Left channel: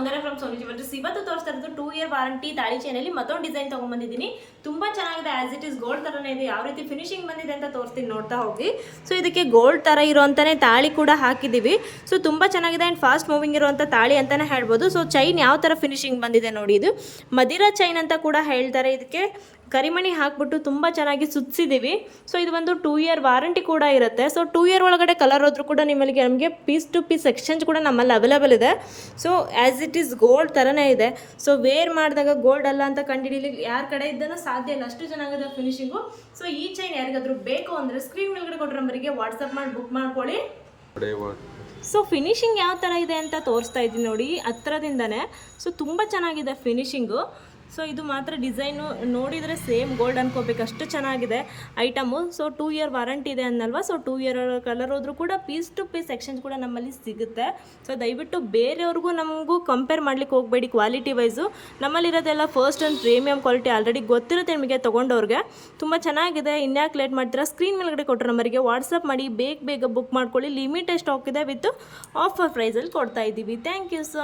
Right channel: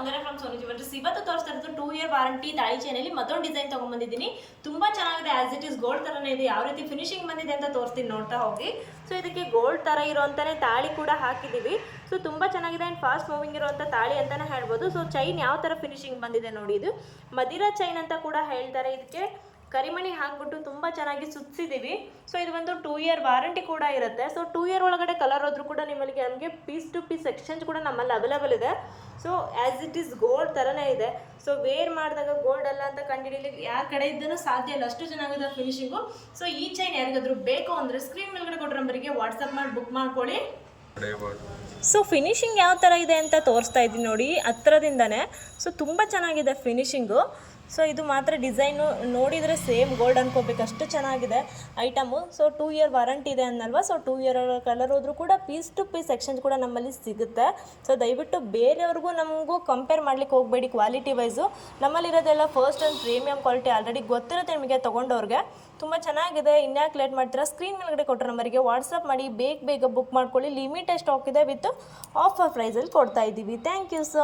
Soundarya from Sony jewellers. ಇವತ್ತು ತೋರಿಸ್ತಾ ಇರೋದು 2 ಇಯರ್ ವಾರಂಟಿ ತಾಳಿ ಚೈನಲ್ಲಿ ಮತ್ತೊಂದು ಡಿಸೈನ್ ತೊಗೊಂಡ್ಬಂದಿದ್ದೀನಿ. ತುಂಬ ಚೆನ್ನಾಗಿದೆ, ಆಸ್ ಇಟ್ ಇಸ್ ಗೋಲ್ಡ್ ಥರನೇ ಇದೆ. ಯಾವ ರೀತಿ ಫಿನಿಶಿಂಗ್ ಬಂದಿದೆ ಅಂತ ತೋರಿಸ್ತೀನಿ, ನೋಡ್ತಾ ಹೋಗಿ. ಸೊ ಇದಕ್ಕೆ ಗೋಲ್ಡ್ ಥರ ಇರೋಂಥನೇ ತಾಳಿ ಕೂಡ ಹಾಕಿದ್ದೀವಿ. ಸೊ ತುಂಬ ಚೆನ್ನಾಗಿದೆ ಆ್ಯಂಡ್ ಫಾಸ್ಟ್ ಮೂವಿಂಗ್ ಇರುವಂಥ ತಾಳಿ ಅಂತಲೇ ಹೇಳ್ಬೋದು. ಸೊ ಚೈನ್ ಯಾವ ಥರ ಫಿನಿಶಿಂಗ್ ಬಂದಿದೆ ನೋಡಿ, ಇದು ಮದಿರಾ ಚೈನ್ ಅಂತ ಕೂಡ ಹೇಳ್ತಾರೆ. ಇದಕ್ಕೆ ಕರಿಮಣಿ ಹಾಕ್ಬಿಟ್ಟು ತುಂಬ ಚೆನ್ನಾಗಿ ಸುತ್ತಿಸಿದ್ದೀವಿ. ಸೊ ಇದು ಒಂದು 2 ಇಯರ್ ವಾರಂಟಿ ಕೂಡ ಇರುತ್ತೆ. ಸೊ 2 ಇಯರ್ ಒಳಗಡೆ ಕಲರ್ ಹೋದ್ರೂ ಕೂಡ ನಮಗೆ ಪೀಸ್ ಟು ಪೀಸ್ ಎಕ್ಸ್ಚೇಂಜ್ ಕೂಡ ನಮ್ಮಲ್ಲಿ ಅವೈಲೇಬಲ್ ಇದೆ. So as it is gold ಥರನೇ ಇದೆ. ಸೊ ವೇರ್ ಮಾಡಿದಾಗ ಗೋಲ್ಡ್ ಅಲ್ಲ ಅಂತ ಕಂಡುಹಿಡೀಲಿ ಯಾರ ಕಡೆ ಇದ್ದನೂ ಸಾಧ್ಯ ಇಲ್ಲ, ಅಷ್ಟು ಚೆನ್ನಾಗಿದೆ ಫಿನಿಶಿಂಗು. ಸೊ ಈ ಚೈನ್ ಯಾರಿಗಾದ್ರೂ ಬೇಕು ಅಂದರೆ ಸ್ಕ್ರೀನ್ ಮೇಲ್ಗಡೆ ಕೊಟ್ಟರೆ ನಂಬರಿಗೆ ವಾಟ್ಸಪ್ ಮಾಡಿ ಬುಕ್ ಮಾಡ್ಕೊಳ್ಳಿ. ಸೊ ಫಿನಿಶಿಂಗ್ ಯಾವ ಥರ ಇದೆ ಅಂತ ತೋರಿಸ್ತಾ ಇದ್ದೀನಿ ನೋಡಿ ಹತ್ರದಿಂದನೇ. ಸೊ ತುಂಬ ಚೆನ್ನಾಗಿದೆ ಫಿನಿಶಿಂಗು. ಸೊ ಇದು ಮಾತ್ರ ಡಿಸೈನು ನೋಡಿದರೆ ಸೇಮ್ ಗೋಲ್ಡ್ ಅನ್ಕೋಬೇಕು, ಅಷ್ಟು ಚೆನ್ನಾಗಿದೆ ಐಟಮು. ಸೊ 2 ಇಯರ್ ವಾರಂಟಿ ಇದೆ ಅನ್ನಲ್ವಾ. ಸೊ 2 ಇಯರ್ ಕಲರ್ ಹೋದ್ರೂ ಕೂಡ ಪೀಸ್ ಟು ಪೀಸ್ ಎಕ್ಸ್ಚೇಂಜ್ ಕೂಡ ನಮ್ಮಲ್ಲಿ ಸಿಗುತ್ತೆ. ಸೊ ದಯವಿಟ್ಟು ಬೇರೆಯವ್ರಿಗೂ ನಮಗೂ ಕಂಪೇರ್ ಮಾಡ್ಲಿಕ್ಕೆ ಹೋಗಬೇಡಿ ಕ್ವಾಲಿಟಿ ವೈಸು. ನಮ್ಮಲ್ಲಿರೋದೆಲ್ಲ first and premium quality already ಗೊತ್ತಿರುತ್ತೆ ನಿಮಗೆ ತೊಗೊಂಡವ್ರಿಗೆ. ತುಂಬ ಚೆನ್ನಾಗಿದೆ. ಇನ್ಯಾಕೆ ಲೇಟ್ ಮಾಡ್ತೀರಾ, ಸ್ಕ್ರೀನ್ ಮೇಲ್ಗಡೆ ಕೊಟ್ಟರೆ ನಂಬರಿಗೆ ವಾಟ್ಸಪ್ ಮಾಡಿ ಬೇಗ ಬುಕ್ ಮಾಡ್ಕೊಳ್ಳಿ. ಲಿಮಿಟೆಡ್ ಸ್ಟಾಕ್ ಇದೆ, ವಿತ್ ಆಫರ್ ಪ್ರೈಸಲ್ಲಿ ಕೊಡ್ತಾ ಇದ್ದೀವಿ. Thank you so